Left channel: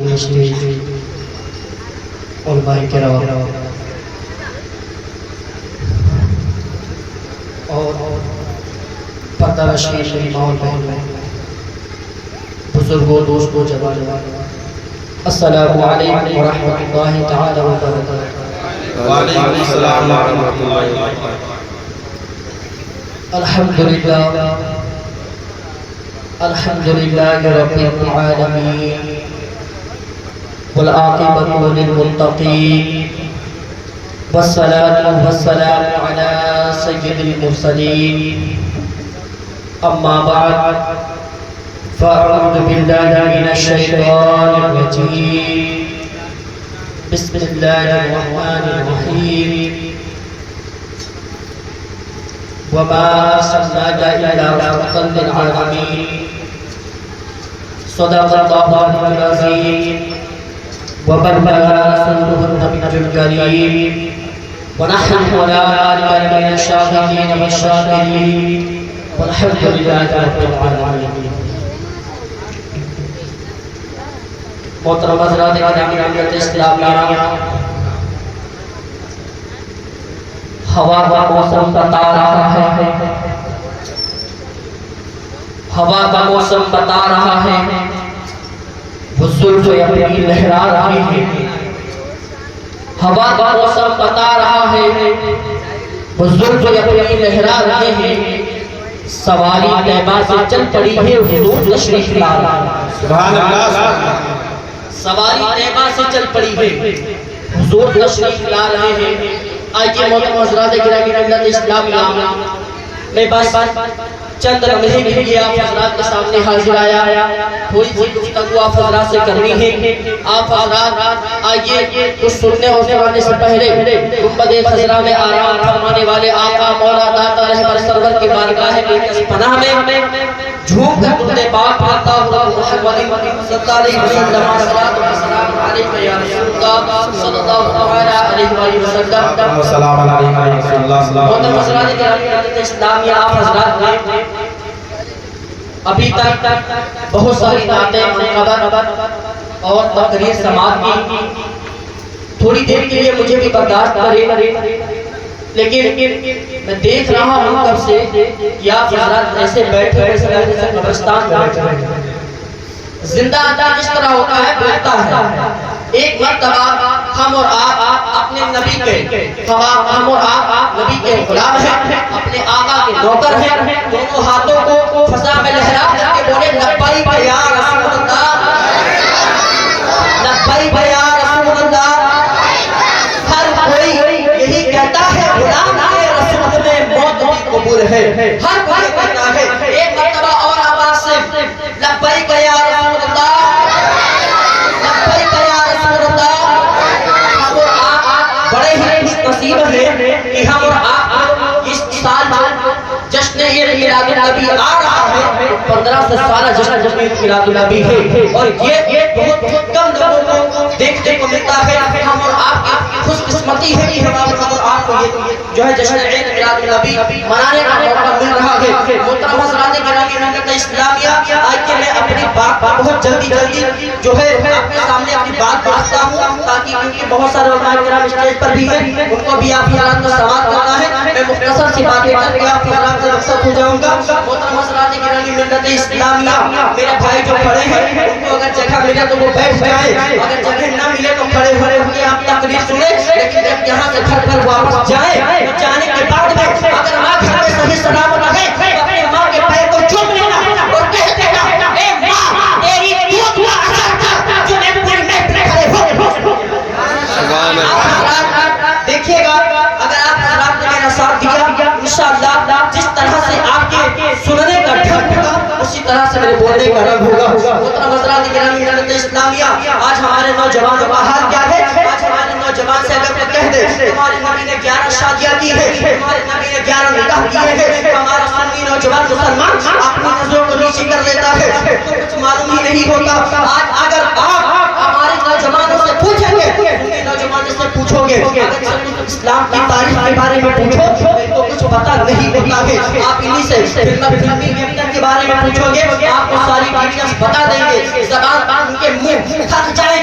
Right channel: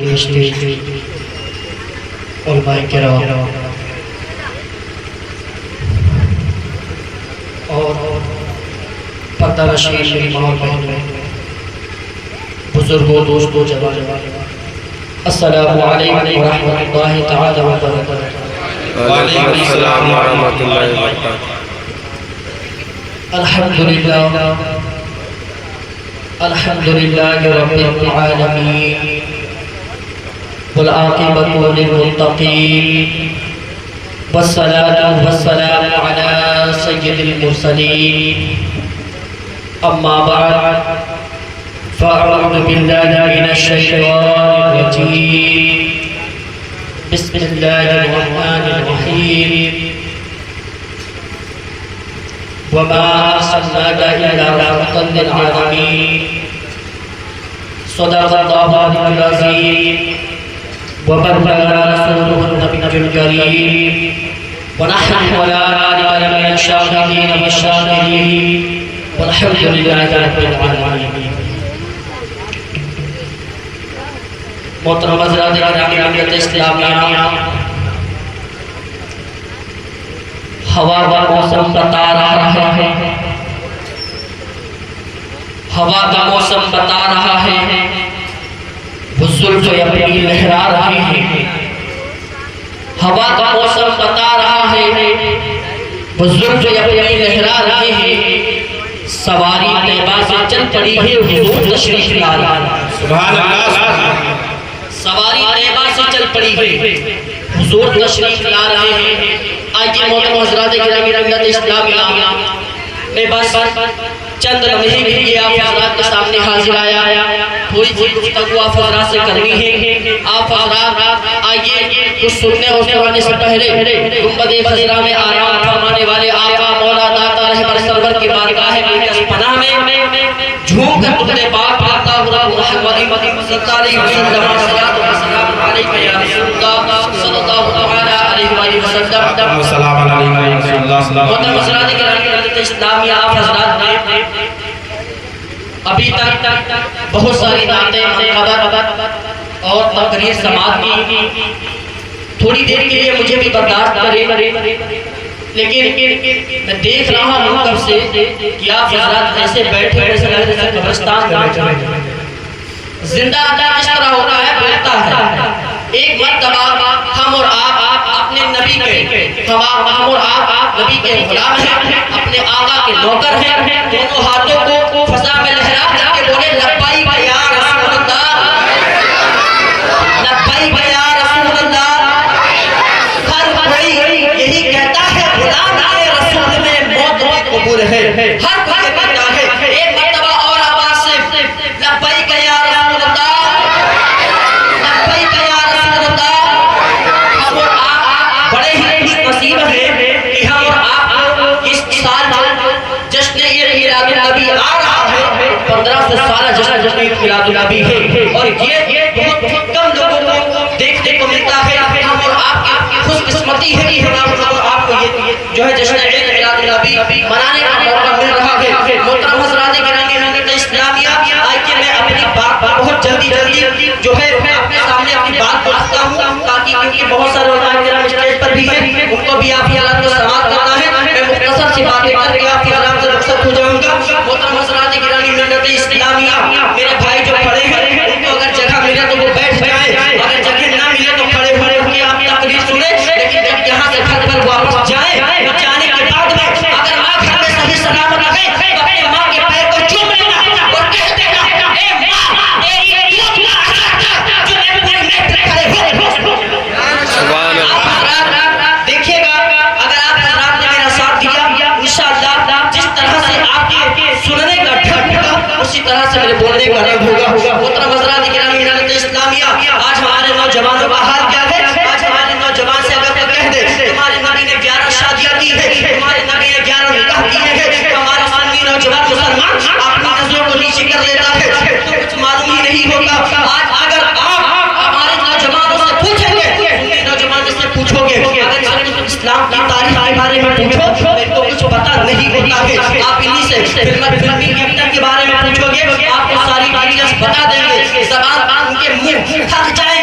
علماء کرام اور پردہ نشین ماں اور بہنوں، بزرگوں، دوستوں، جوانوں، السلام علیکم ورحمۃ اللہ تعالی وبرکاتہ۔ وعلیکم السلام ورحمۃ اللہ وبرکاتہ۔ الحمدللہ رب العالمین والعاقبۃ للمتقین والصلاة والسلام علی سید المرسلین، اما بعد فاعوذ باللہ من الشیطان الرجیم، بسم اللہ الرحمن الرحیم، وما ارسلناک الا رحمۃ للعالمین، صدق اللہ العظیم، وبلغ رسوله النبي الكريم، ونحن على ذلك من الشاهدين والشاكرين، والحمد لله رب العالمين۔ محترم حضرات جمعیت اسلامیہ، ہوا کا موسم بتا رہا ہے، ہوا کا موسم بتا رہا ہے، وہ زلف اپنی لہرا رہی ہے، ہوا کا موسم بتا رہا ہے، وہ زلف اپنی لہرا رہی ہے، سواری طیبہ سے چل پڑی ہے، حضور تشریف لا رہا ہے، سبحان اللہ۔ سواری طیبہ سے چل پڑی ہے، حضور تشریف لا رہے ہیں۔ آئیے محترم حضرات گرامی جمعیت اسلامیہ، میں بس چند لمحے کے لیے آپ حضرات کے سامنے حاضر آیا، تھوڑی سی گفتگو آپ حضرات سے کرنی ہے۔ آپ حضرات آئیے کچھ سننے اور سنانے سے پہلے گنبد خضرا میں آرام فرمانے والے آقا مولا داتا رہبر سرور کی بارگاہ مقدس پناہ میں جھوم کر تمہیں پاک آتا ہوں رب محمد صلی اللہ علیہ وسلم، صلاۃ و سلام علیکہ یا رسول اللہ صلی اللہ علیہ وسلم۔ السلام علیکم یا رسول اللہ۔ محترم حضرات گرامی اسلامیہ، آپ حضرات نے ابھی تک بہت ساری نعتیں منقبت اور تقریر سماعت کی، تھوڑی دیر کے لیے مجھے بھی برداشت کریں، لیکن میں دیکھ رہا ہوں کب سے کہ آپ حضرات ایسے بیٹھے جیسے قبرستان میں بیٹھے ہیں۔ زندہ آدمی اس طرح ہوتا ہے، بولتا ہے۔ ایک مرتبہ ہم اور آپ اپنے نبی کے ہم اور آپ نبی کے غلام ہیں، اپنے آقا کے نوکر ہیں، دونوں ہاتھوں کو فضا میں لہرا کر کے بولے لبیک یا رسول اللہ، لبیک یا رسول اللہ۔ ہر کوئی یہی کہتا ہے غلام کے رسول میں موت بھی قبول ہے، ہر کوئی کہتا ہے۔ ایک مرتبہ اور آواز سے لبیک یا رسول اللہ، لبیک یا رسول اللہ۔ ہم اور آپ بڑے ہی نصیب ہیں کہ ہم اور آپ اس سال جشن عید میلاد النبی آ رہا ہے، 1500 سالہ جشن عید میلاد النبی ہے، اور یہ بہت کم لوگوں کو دیکھنے کو ملتا ہے۔ ہم اور آپ کی خوش قسمتی ہے کہ ہم اور آپ کو یہ جو ہے جشن عید میلاد النبی منانے کا موقع مل رہا ہے۔ محترم حضرات گرامی جمعیت اسلامیہ، آئیے میں اپنی بات بہت جلدی جو ہے اپنے سامنے اپنی بات بڑھتا ہوں، تاکہ کیونکہ بہت سارے علماء کرام اسٹیج پر بھی ہیں، ان کو بھی آپ حالات کو سماعت کرنا ہے۔ میں مختصر سی باتیں کر کے آپ کے حالات سے رخصت ہو جاؤں گا۔ محترم حضرات گرامی جمعیت اسلامیہ، میرے بھائی جو کھڑے ہیں ان کو اگر جگہ ملے تو وہ بیٹھ جائیں، اگر جگہ نہ ملے تو کھڑے ہوئے آپ تقریر سنیں، لیکن جب یہاں سے گھر پر واپس جائیں، جانے کے بعد میں اگر ماں گھر میں صحیح سلامت رہے تو اپنے ماں کے پیر کو چوم لینا اور کہہ دینا، اے ماں تیری دودھ کا اثر تھا جو میں پوری محفل میں کھڑے ہو۔ سبحان اللہ۔ دیکھیے گا اگر آپ حضرات نے میرا ساتھ دیا، انشاءاللہ جس طرح سے آپ کے سننے کا ڈھنگ ہوگا اسی طرح سے میرے بولنے کا رنگ ہوگا۔ محترم حضرات گرامی جمعیت اسلامیہ، آج ہمارے نوجوانوں کا حال کیا ہے؟ آج ہمارے نوجوان سے اگر کوئی کہہ دے تمہارے نبی نے 11 شادیاں کی ہیں، تمہارے نبی نے 11 نکاح کیے ہیں، ہمارا سنی نوجوان مسلمان اپنی نظروں کو نیچے کر لیتا ہے، تو کچھ معلوم ہی نہیں ہوتا۔ آج اگر آپ ہمارے نوجوانوں سے پوچھیں گے، سنی نوجوان سے پوچھو گے، اگر اسلام کی تاریخ کے بارے میں پوچھو تو کچھ پتہ نہیں ہوتا ہے۔ آپ انہی سے فلمی کیپٹن کے بارے میں پوچھو گے، آپ کو ساری ڈیٹیلز بتا دیں گے، زبان ان کے منہ تھک جائے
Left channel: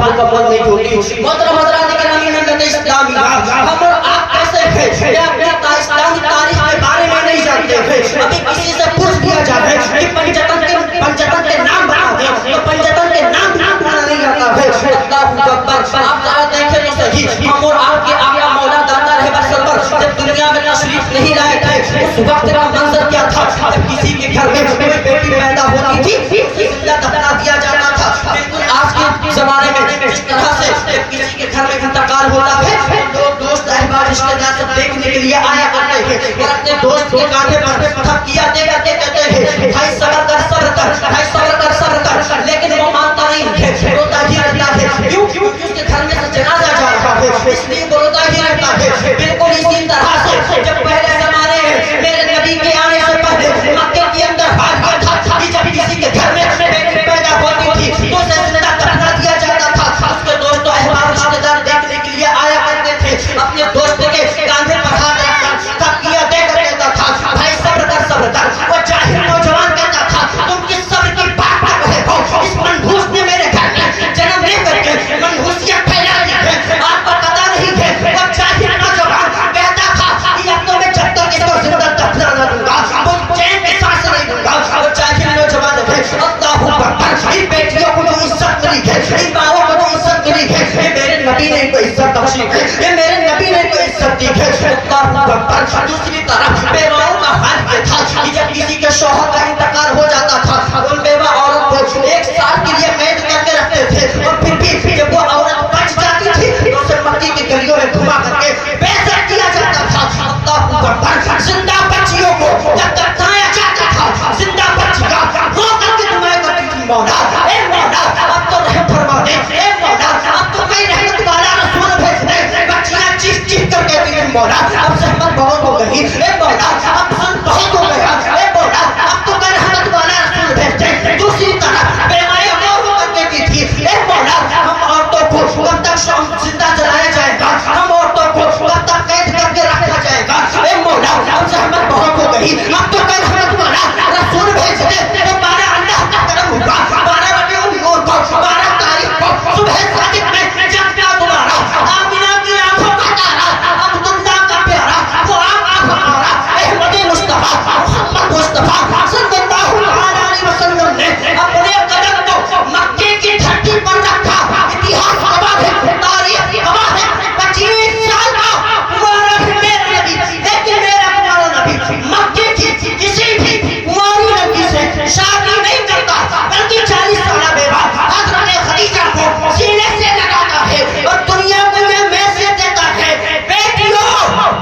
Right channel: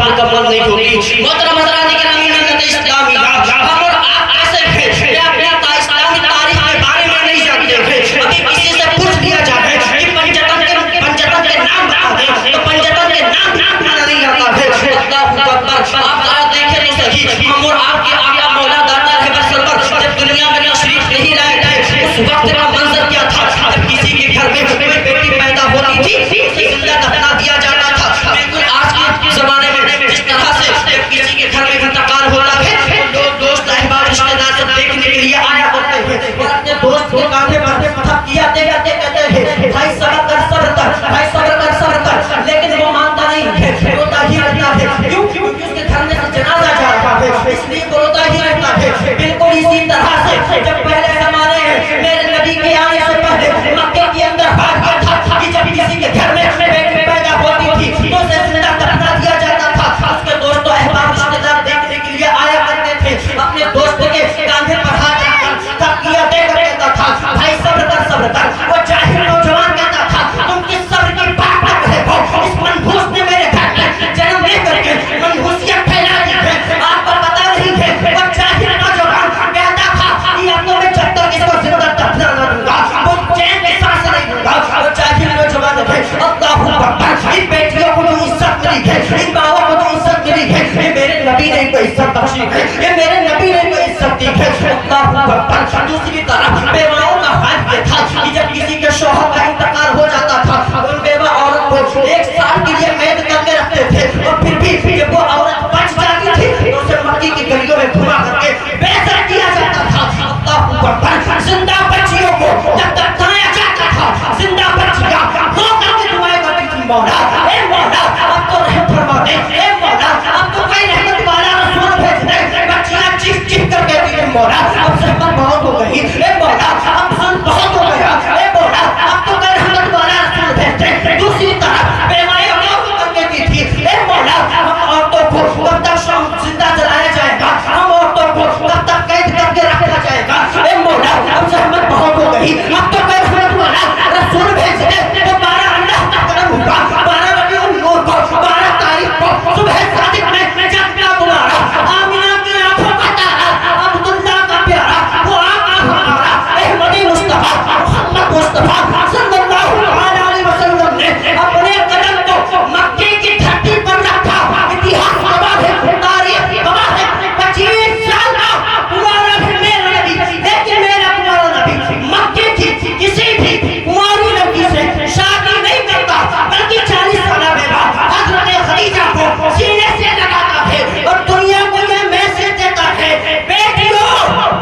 मुकम्मल नहीं होती। मोहतरम हज़रात गिरामी मिल्लत इस्लामी, हम और आप कैसे हैं या अपनी इस्लामी तारीख के बारे में नहीं जानते हैं। अभी किसी से पूछ दिया जाए कि पंजतन के नाम बता दे तो पंजतन के नाम भी बताना नहीं आता है। अल्लाहु अकबर। आप जरा देखें तो सही, हम और आपके आका मौला दाता रहे बरसर जब दुनिया में तशरीफ नहीं लाए गए उस वक्त का मंजर क्या था? जब किसी के घर में कोई बेटी पैदा होती थी उसे जिंदा दफना दिया जाता था। बिल्कुल आज के जमाने में जिस तरह से जब किसी के घर में इंतकाल होता है लोग दोस्त अहबाब रिश्तेदार सब देखने के लिए आया करते हैं और अपने दोस्त के कांधे पर थप किया देते कहते हैं भाई सब्र कर सब्र कर, भाई सब्र कर सब्र कर, लेकिन वो मानता नहीं है, रोता ही रहता है। क्यों? क्योंकि उसके घर में से जनाजा जा रहा है, इसलिए वो रोता ही रहता है। बिल्कुल इसी तरह से जब पहले जमाने में मेरे नबी के आने से पहले मक्के के अंदर बात किया था कि जब किसी के घर में बेटी पैदा होती थी तो उसे जिंदा दफना दिया जाता था। उसके दोस्त अहबाब रिश्तेदार देखने के लिए आया करते थे, अपने दोस्त के कांधे पर हाथ रखकर थप किया देता था भाई सब्र कर सब्र कर। वो जाहिल नौजवान कहता था तुम किस सब्र की बात कर रहे हो? इस मनहूस ने मेरे घर में जन्म लेकर के मनहूसियत फैला दी है, आपको पता नहीं है। वो जाहिल नौजवान कहता था कि अब तो मैं जब तक इसको जिंदा दफना न दूंगा वो चैन की सांस नहीं दूंगा। वो जाहिल नौजवान है। अल्लाहू अकबर। इन बेटियों को जो इज्जत मिली है, इन माओं को जो इज्जत मिली है, ये मेरे नबी ने इनको इज्जत बख्शी है, ये मेरे नबी ने इनको इज्जत दी है। अल्लाहू अकबर। दूसरी तरफ बेवाओं का हाल ये था कि जब किसी के शौहर का इंतकाल हो जाता था उन बेवा औरत को 1 साल के लिए कैद करके रखते थे और फिर भी जब वो औरत बच जाती थी तो उसे मक्की की गलियों में घुमा करके बेइज्जत किया जाता था। अल्लाहू अकबर। जिंदा बच्चियों को जब दफनाया जाता था, जिंदा बच्चियां रो करके दुआएं करती थी मौला ए मौला अब तो रहम फरमा दे, ए मौला अब तो कोई रहमत वाला रसूल भेज दे। बच्चियां चीख चीख कर कहती थी मौला अब सहमत बहुत हो गई, ए मौला अब सुन बहुत हो गया, ए मौला अब तो कोई रहमत वाला रसूल भेज दे। दूसरी तरफ बेवाएं रो करके कहती थी ए मौला हम औरतों को कब तक जिंदा जलाया जाएगा, हम औरतों को कब तक कैद करके रखा जाएगा, ए मौला अब सहमत बहुत हो गई, अब तो कोई रहमत वाला रसूल भेज दे। 12 अल्लाह का करम हुआ, 12 रबीउल नूर को 12 तारीख को सुबह सादिक में जब क्या तुम्हारा आमिना की आंखों का तारा अब्दुल्ला का प्यारा वो आका हमारा अहमदी मुस्तफा मोहम्मद मुस्तफा सल्लल्लाहु अलैहि वसल्लम ने अपने कदम को मक्के की धरती पर रखा। इतिहास गवाह है, तारीख गवाह है, 25 साल का कुंवारा भी मेरा नबी, लेकिन मेरा कुंवारा नबी मक्के की किसी भी कुंवारी लड़की से शादी नहीं करता, बल्कि 40 साल बेवा हजरत खदीजा को सीने से लगाता है और दुनिया को ये मैसेज देता है बेटियों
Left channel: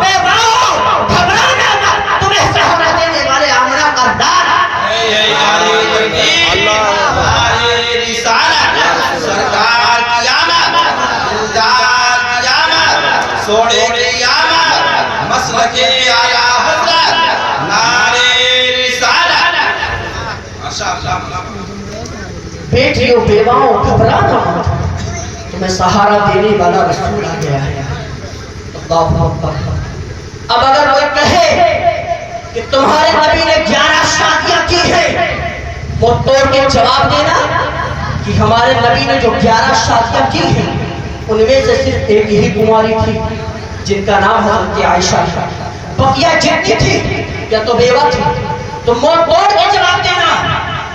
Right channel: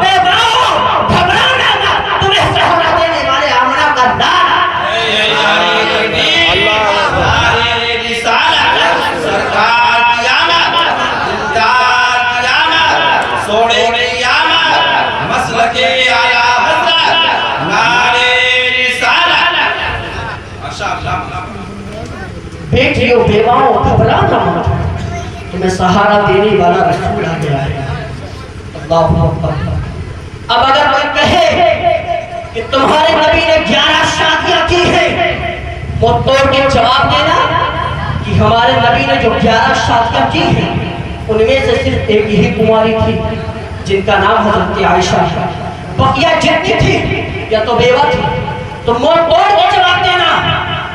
बेवाओं घबराना मत, तुम्हें सहारा देने वाले आमना का दार अल्लाह सरकार की आमद, सरकार की आमद, सोने की आमद, मसलके आला हज़रत, नारे रिसालत। माशाअल्लाह। बेटियों बेवाओं घबराना मत, तुम्हें सहारा देने वाला रसूल आ गया है। अल्लाहू अकबर। अब अगर कोई कहे कि तुम्हारे नबी ने 11 शादियां की हैं, वो तोड़ के जवाब देना कि हमारे नबी ने जो 11 शादियां की हैं उनमें से सिर्फ एक ही कुंवारी थी जिनका नाम हजरत आयशा है, बकिया जितनी थी या तो बेवा थी। तो मुंह तोड़ के जवाब देना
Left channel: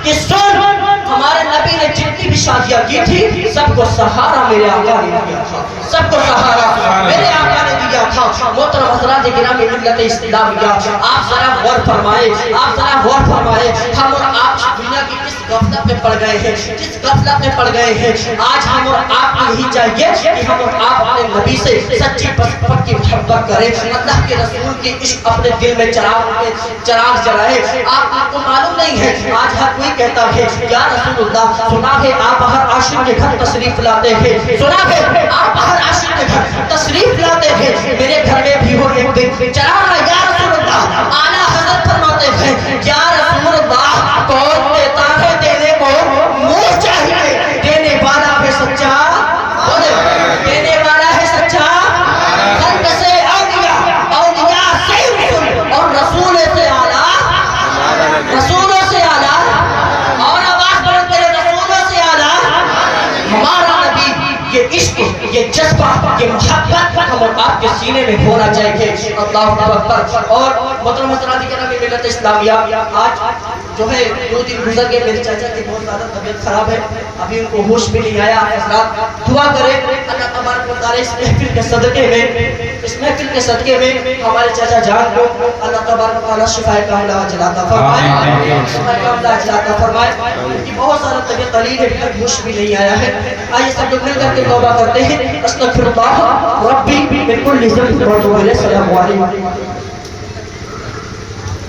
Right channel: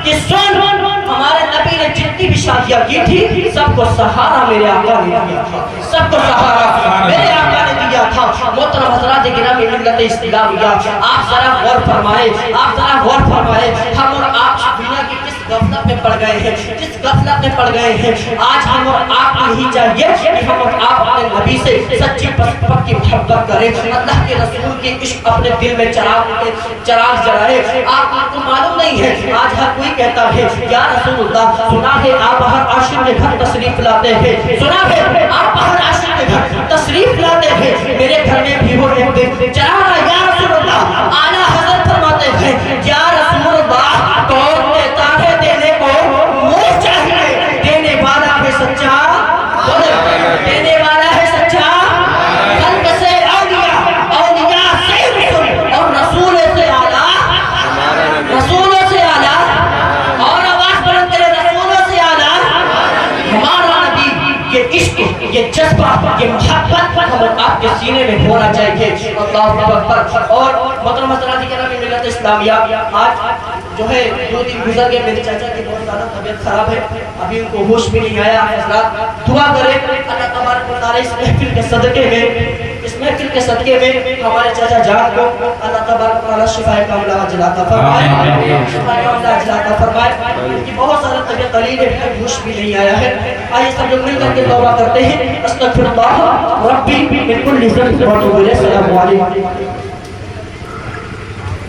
कि सुन हमारे नबी ने जितनी भी शादियां की थी सबको सहारा मेरे आका ने दिया था, सबको सहारा मेरे आका ने दिया था। मोहतरम हज़रात गिरामी मिल्लत इस्लामिया, आप जरा गौर फरमाए, आप जरा गौर फरमाए हम और आप दुनिया की किस गफलत में पड़ गए हैं, जिस गफलत में पड़ गए हैं। आज हम और आप को यही चाहिए कि हम और आप अपने नबी से सच्ची पक्की मोहब्बत करें, अल्लाह के रसूल की इश्क अपने दिल में चिराग जलाए। आपको मालूम नहीं है आज हर कोई कहता है या रसूलुल्लाह, सुना है आप हर आशिक के घर तशरीफ लाते हैं, सुना है आप हर आशिक के घर तशरीफ लाते हैं, मेरे घर में भी हो एक दिन चला या रसूलुल्लाह। आला हज़रत फरमाते हैं या रसूलुल्लाह कौन देता है देने को मुझे चाहिए, देने वाला है सच्चा, देने वाला है सच्चा, खल्क से औलिया, औलिया से रसूल और रसूल से आला, रसूलों से आला और आवाज बुलंद करे रसूलों से आला हमारा नबी یہ عشق، یہ جذبہ، یہ محبت ہم آپ کے سینے میں ہونا چاہیے. اللہ اکبر. اور محترم حضرات کرام ملت اسلامیہ، آج جو ہے 2 دن گزر گئے، میرے چاچا کی بہت زیادہ طبیعت خراب ہے، ابھی ان کو ہوش بھی نہیں آیا. حضرات دعا کریں اللہ تبارک و تعالی اس محفل کے صدقے میں ہمارے چاچا جان کو اللہ تبارک و تعالی شفا کاملہ عاجلہ عطا فرمائے، شفا کاملہ عاجلہ عطا فرمائے. ان کی بہت سارا طبیعت علیل ہے، ہوش بھی نہیں آیا ہے. آئیے سب لوگ مل کر کے توبہ کرتے ہیں. استغفر اللہ ربی من کل ذنب و اتوب الیہ. السلام علیکم.